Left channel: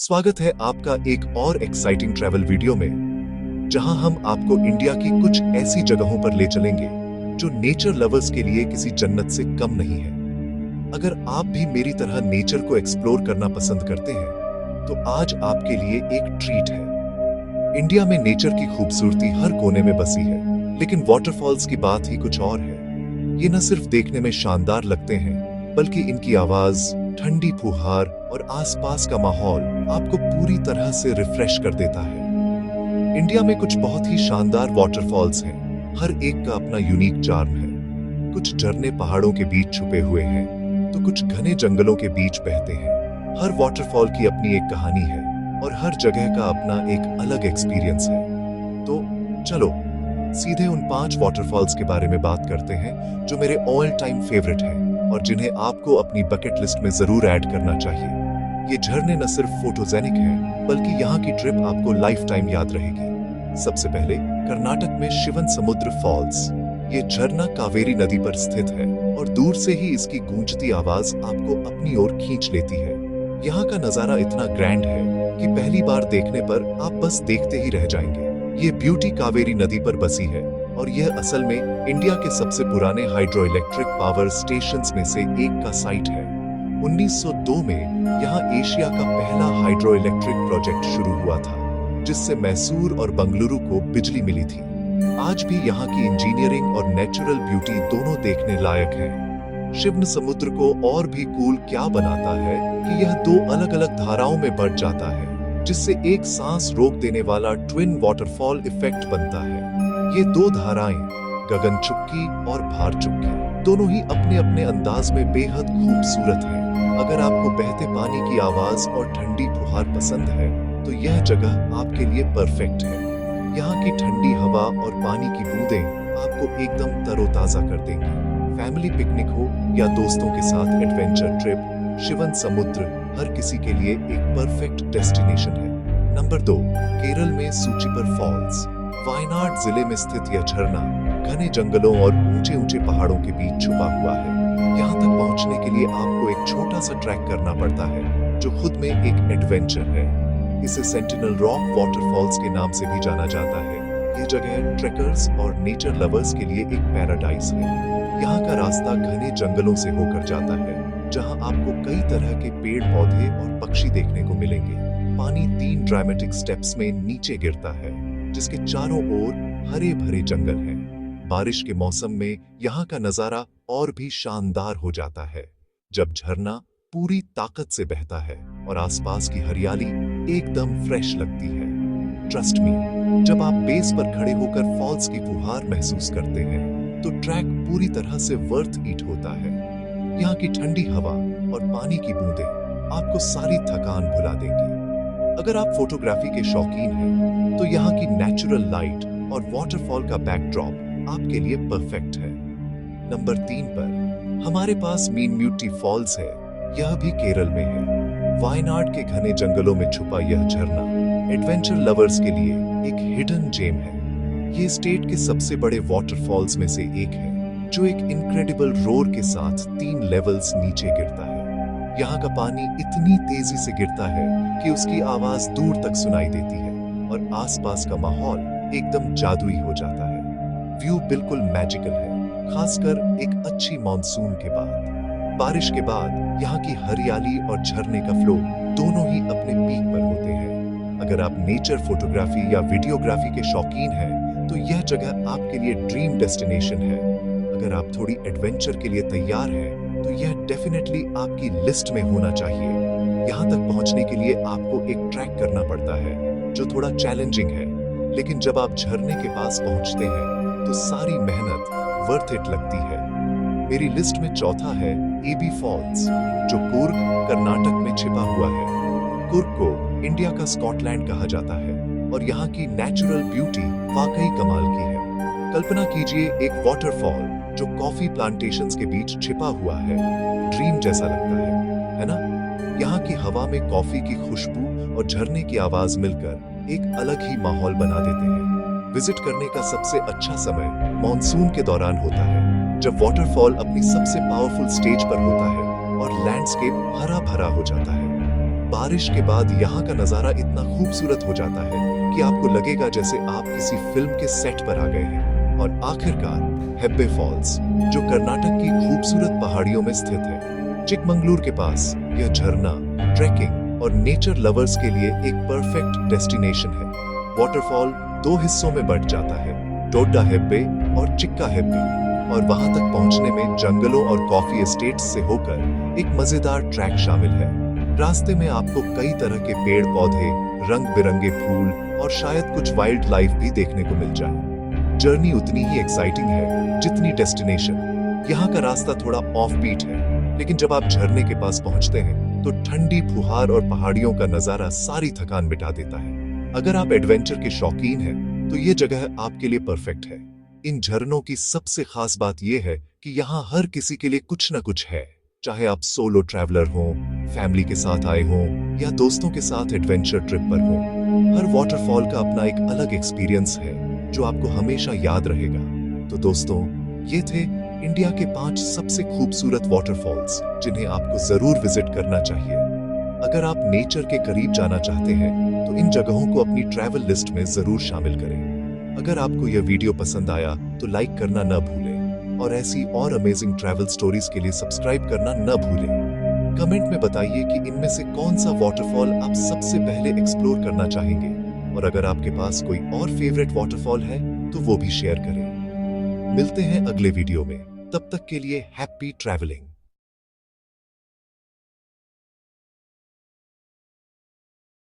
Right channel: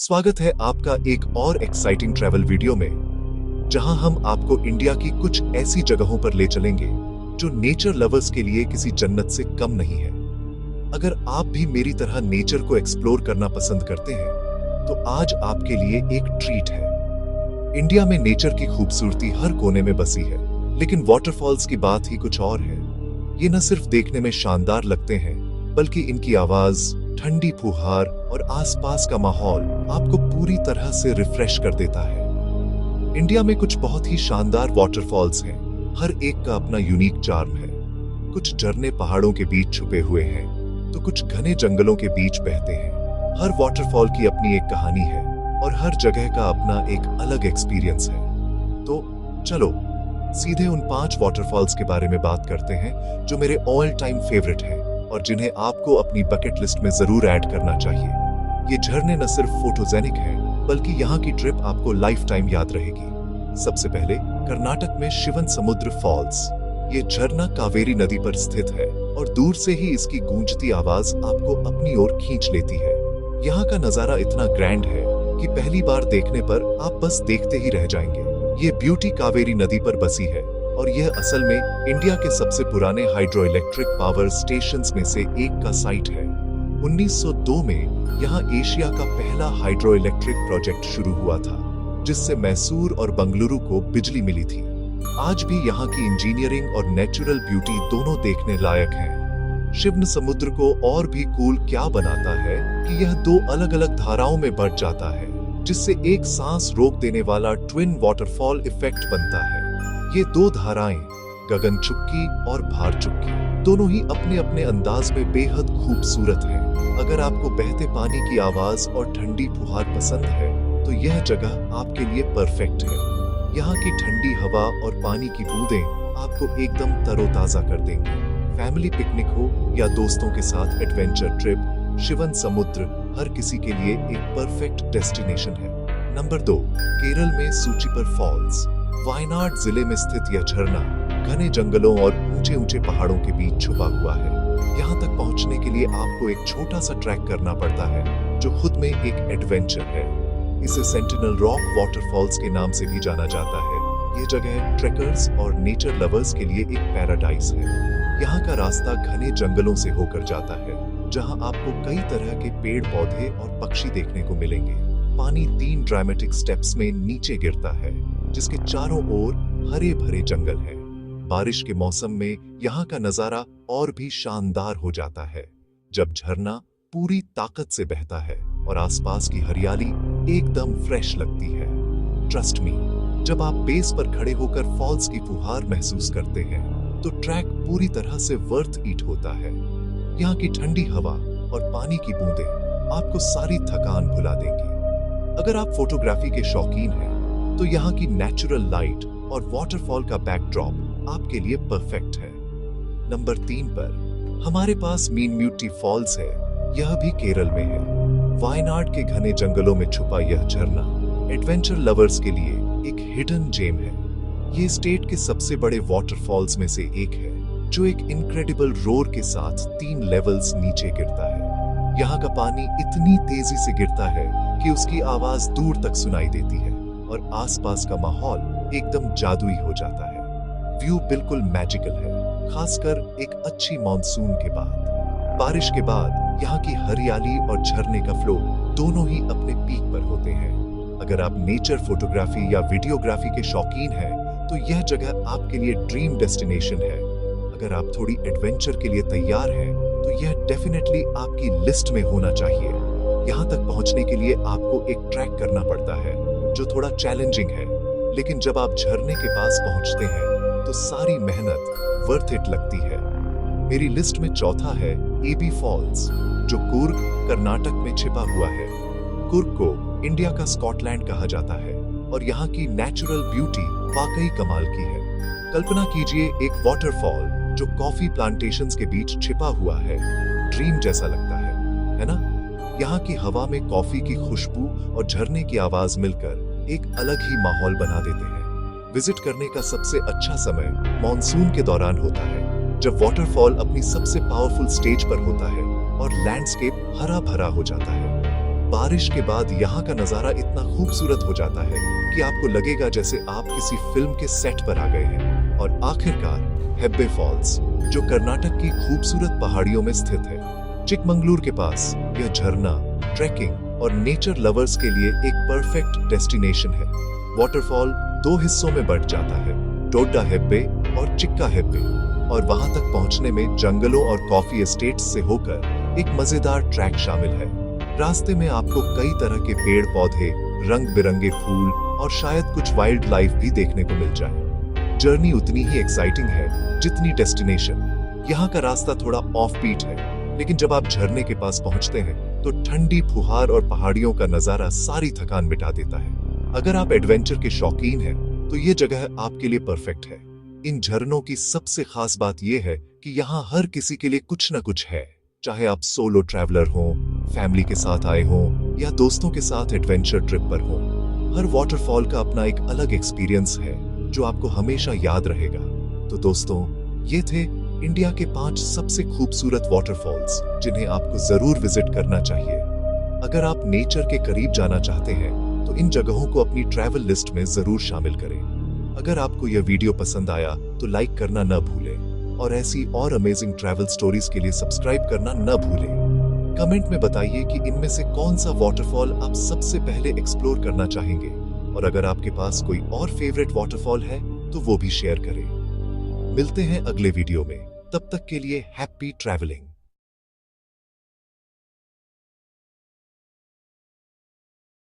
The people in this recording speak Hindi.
स्वागत है आपका एक और एक्साइटिंग ट्रैवल वीडियो में, जहां हम आपको इंडिया की कुछ ऐसी जगहों पर ले चलेंगे जो नेचर लवर्स के लिए किसी जन्नत से कम नहीं है। अगर आप भी मेरी तरह नेचर को एक्सप्लोर करना पसंद करते हैं, तो आज आपके लिए एक ट्रीट है। इंडिया में नेचर की खूबसूरती हर कोने में बसी है, लेकिन वाटरफॉल्स की बात ही कुछ और है। ये न सिर्फ देखने में शानदार लगते हैं, बल्कि इनकी आवाज, ठंडी फुहार और आसपास का माहौल आपको पूरी तरह से रिफ्रेश कर देता है। इंडिया में कुछ बहुत ही शानदार वाटरफॉल्स हैं, हर एक का अपना यूनिक चार्म है। कुछ झरने पहाड़ों के बीच छुपे हुए हैं, तो कुछ घने जंगलों के बीच बहते हैं। हर वाटरफॉल की अपनी एक कहानी है और हर जगह का अपना एक अलग एक्सपीरियंस है। तो चलो सीधे उन 5 वाटरफॉल्स के बारे में बात करते हैं जो मेरे ऑल टाइम फेवरेट हैं और जिन्हें आपको अपनी बकेट लिस्ट में जरूर ऐड करना चाहिए। ये झरने न सिर्फ फोटोजेनिक हैं, बल्कि यहाँ की ट्रिप आपको लाइफ टाइम याद रहेगी। सबसे पहले कर्नाटक में शिवनसमुद्र फॉल्स। ये झरना कावेरी नदी पर स्थित है और दूर से ही इसकी गूंजती आवाज आपको अपनी ओर खींच लेती है। यहाँ का नजारा इतना ग्रैंड है कि पहली बार देखने पर आप बस देखते ही रह जाएंगे। ये ब्यूटी कावेरी नदी पर बसी है और यह असल में इंडिया के सबसे पुराने हाइड्रो इलेक्ट्रिक पावर स्टेशंस में से एक का साइट है। 1902 में यहाँ एशिया का पहला हाइड्रो इलेक्ट्रिक प्रोजेक्ट शुरू हुआ था, जिससे मैसूर और बंगलुरु को बिजली मिली थी। आज भी यहाँ की इंजीनियरिंग और नेचुरल ब्यूटी दोनों देखने लायक है। शिवनसमुद्र को और भी कूल क्या बनाता है कि यह 2 अलग-अलग धाराओं में बढ़ जाता है, जिससे एक सांस रोक देने वाला ट्विन वाटरफॉल इफेक्ट बनता है। ये 2 धाराएं, गगन चुक्की और भार चुक्की, दोनों ही अपने अपने अंदाज में बेहद खूबसूरत हैं। अगर आपको बहते पानी की आवाज और ठंडी फुहार पसंद है, तो यह जगह आपके लिए परफेक्ट है। यहाँ की ठंडी हवा और पानी की बूंदें आपको एकदम तरोताजा कर देंगी। फैमिली पिकनिक हो या दोस्तों के साथ एडवेंचर ट्रिप, शिवनसमुद्र हर किसी के लिए एक परफेक्ट डेस्टिनेशन है। नंबर 2, केरल में सूचिपर फॉल्स। वायनाड जिले में स्थित यह झरना घने जंगलों और ऊंचे ऊंचे पहाड़ों के बीच छुपा हुआ है। यहाँ तक पहुँचने के लिए आपको एक छोटा सा ट्रैक करना पड़ता है, जो खुद में एक एडवेंचर है। इसे सेंटिनल रॉक वाटरफॉल्स के नाम से भी जाना जाता है। ये जगह ट्रेकर्स और नेचर लवर्स के लिए एक पैराडाइज है। यहाँ का रास्ता घने जंगलों से होकर जाता है, जहाँ आपको कई तरह के पेड़ पौधे और पक्षी देखने को मिलेंगे। पानी 3 ड्रामेटिक स्टेप्स में नीचे गिरता है, जिसके चारों ओर हरे भरे जंगल हैं। बारिश के मौसम में यहाँ का नजारा और भी शानदार हो जाता है, जब झरना पूरी ताकत से बहता है और आसपास की हरियाली एकदम फ्रेश लगती है। ट्रस्ट मी, जब आप बेस पर खड़े होकर फॉल्स की फुहार महसूस करते हैं, तो ट्रैक पूरी तरह से वर्थ इट होता है। यहाँ की ठंडी हवा और पानी की बूंदें आपको सारी थकान भुला देंगी। अगर आप फोटोग्राफी के शौकीन हैं, तो यहाँ की नेचुरल लाइट और वाटरफॉल का बैकड्रॉप आपके लिए परफेक्ट है। नंबर 3 पर हमारे पास मीनम्यूटी फॉल्स है। यह भी केरल में है। वायनाड के घने जंगलों में छुपा यह झरना एडवेंचर लवर्स के लिए एक हिडन जेम है। ये स्टेट के सबसे बड़े वाटरफॉल्स में से एक है, जो एक इनक्रेडिबल रोर के साथ 3 लेवल्स नीचे गिरता है। यहाँ का पानी इतनी तेजी से गिरता है कि उसकी आवाज दूर तक सुनाई देती है और आसपास का माहौल एकदम जादुई हो जाता है। व्यू बिल्कुल मैजिकल है, खासकर एक अच्छी मॉनसून के बाद। बारिश के बाद यहाँ की हरियाली और झरने का फ्लो दोनों ही अपने पीक पर होते हैं। अगर आप नेचर फोटोग्राफी या वीडियोग्राफी के शौकीन हैं, तो यह जगह आपके लिए ड्रीम डेस्टिनेशन है। अगर आप थोड़ी एडवेंचर के लिए तैयार हैं, तो यह डेफिनेटली आपकी लिस्ट में होना चाहिए। यहाँ तक पहुँचने के लिए आपको एक ट्रैक करना पड़ता है, जो थोड़ा चैलेंजिंग है, लेकिन जब आप झरने के पास पहुँचते हैं, तो सारी मेहनत वर्थ इट लगती है। मेरी लिस्ट में चौथा है एबी फॉल्स, जो कुर्ग, कर्नाटक में छिपा हुआ है। कुर्ग को इंडिया का स्कॉटलैंड कहा जाता है और यहाँ की नेचुरल ब्यूटी वाकई कमाल की है। कल्पना कीजिए एक वाटरफॉल जो कॉफी प्लांटेशंस के बीच छिपा हुआ है। ड्रीम जैसा लगता है ना? यहाँ की हवा में कॉफी की खुशबू और झरने की आवाज मिलकर एक अलग ही माहौल बना देते हैं। विजिट करने का सबसे अच्छा समय मॉनसून के दौरान होता है, जब वाटरफॉल अपनी सबसे पावरफुल स्टेज पर होता है और लैंडस्केप हरा भरा हो जाता है। बारिश के बाद यहाँ का नजारा इतना खूबसूरत हो जाता है कि आपको लगेगा जैसे आप किसी फिल्म के सेट पर आ गए हैं। और आखिरकार हेब्बे फॉल्स, जो कर्नाटक की खूबसूरत पहाड़ियों में स्थित है। चिकमंगलूर के पास यह झरना ट्रैकिंग और नेचर लवर्स के लिए एक परफेक्ट डेस्टिनेशन है। वाटरफॉल दो हिस्सों में बंट जाता है, डोड्डा हेब्बे और चिक्का हेब्बे, और वहां तक पहुंचने में जंगलों और कॉफी एस्टेट्स से होकर एक मजेदार ट्रैक शामिल है। रास्ते में आपको कई तरह के पेड़ पौधे, रंग बिरंगे फूल और शायद कुछ वाइल्ड लाइफ भी देखने को मिल जाए। जर्नी उतनी ही एक्साइटिंग है जितनी डेस्टिनेशन। यहाँ का रास्ता थोड़ा ऑफ बीट है, लेकिन जब आप झरने के पास पहुंचते हैं तो ठंडी फुहार और पहाड़ियों का नजारा सारी थकान मिटा देता है। अगर आप एडवेंचर के शौकीन हैं तो ये जगह आपके लिए परफेक्ट है। इन झरनों की सबसे खास बात यह है कि यहाँ हर किसी के लिए कुछ न कुछ है, चाहे आप सोलो ट्रैवलर हो, फैमिली के साथ आए हों या दोस्तों के साथ एडवेंचर ट्रिप पर हों। हर वाटरफॉल का अपना एक अलग एक्सपीरियंस है जो आपको हमेशा याद रहेगा। तो दोस्तों, ये थे इंडिया के 5 सबसे खूबसूरत वाटरफॉल्स जिन्हें आपको जरूर विजिट करना चाहिए। अगर आप नेचर के करीब जाना चाहते हैं तो इन जगहों को अपनी ट्रैवल लिस्ट में जरूर शामिल करें। अगर आपको यह वीडियो पसंद आया तो लाइक करना न भूलें और ऐसी और अमेजिंग ट्रैवल स्टोरीज के लिए सब्सक्राइब करना न भूलें। कमेंट में बताइए कि इनमें से कौन सा वाटरफॉल आप सबसे पहले एक्सप्लोर करना चाहेंगे, और अगर आपके पास कोई और फेवरेट वाटरफॉल है तो वो भी शेयर करें। मिलते हैं अगले वीडियो में, तब तक के लिए हैप्पी ट्रैवलिंग।